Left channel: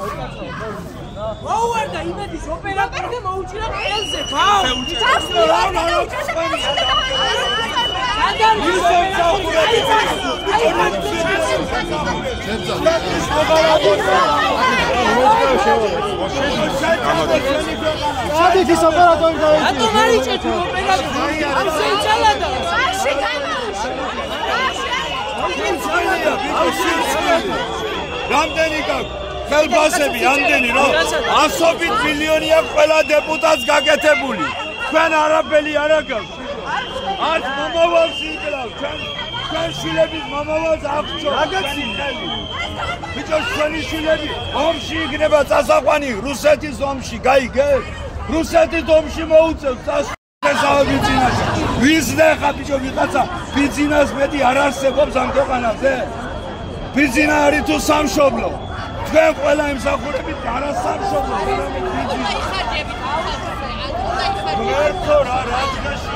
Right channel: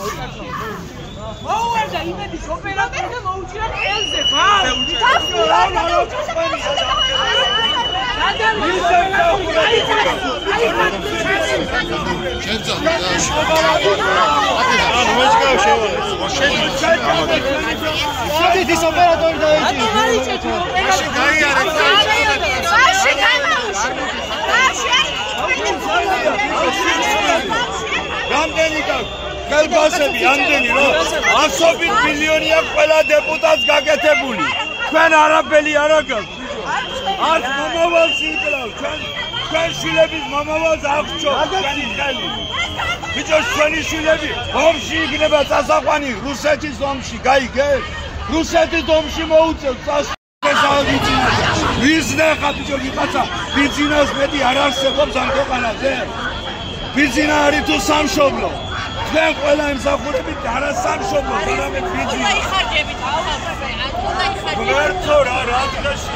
მოუვარდა იმედის ოპერატორი და მოუჭირა ელზე რამდენი გაქვს? ხელბასები ამდენი რომ 100 მილიონია ყველა დეპუტატს გაკეთებული. თქვენ არაფერი არ აქვს. არც მომავალში იკლავ, თქვენ შვილების მომავალს აღწევთ. ბიჭო, შენი შვილები ომში იქნება წასაყვანი რუსეთის ომში, გაიგე? რუსეთის ომში მოუწევთ წასაყვანს. ის ნახა ბიჭო, ვიღაცა ბიზნეს მეტი არ არსებობს ამ ქვეყანაზე. ბიზნესი არის თუ სამშობლო. თქვენ ყველა ემსახურებით არა სამშობლო, არამედ ბიზნესი. ვერცო რა დღეში.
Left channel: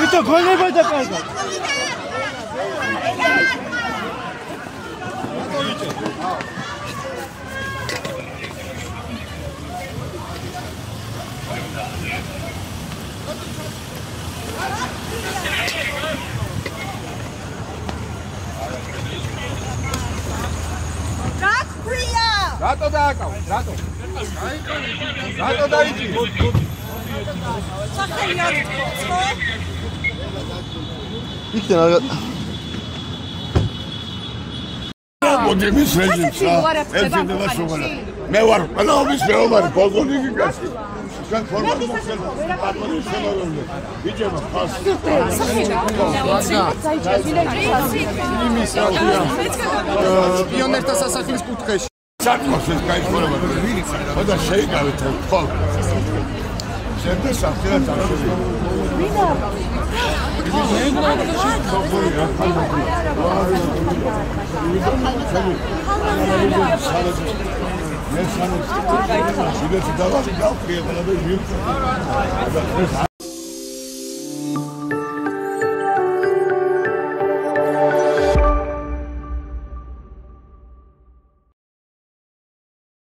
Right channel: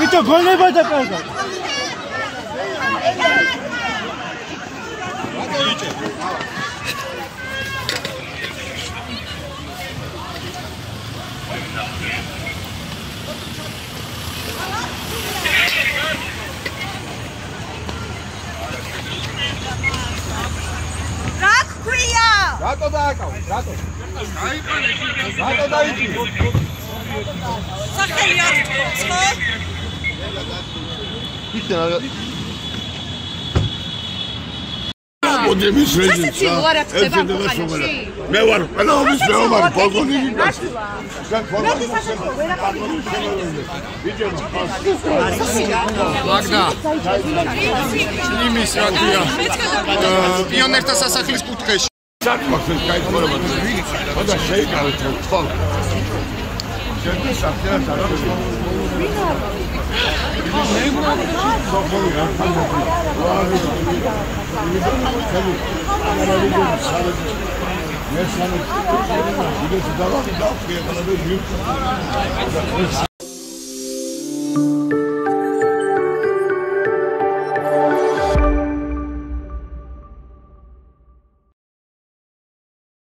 Itu boleh baca apa? Rak kuya. Rato da akau, rato. რატო დავიჭი? სახელი არ ხო? მოდების რეჟიმს ერთება შეგალა მე ვარ ყველაობის მეომარი პოლკოვნიკი ჩვენ ფორმალურად მაგდა იმის რა ქვია პიონერთა სასახლის კუთხეში საკმაოდ ეს დაიხურება ხოდა შეიკავეთ თვალ შემდეგ საფრთხეს არ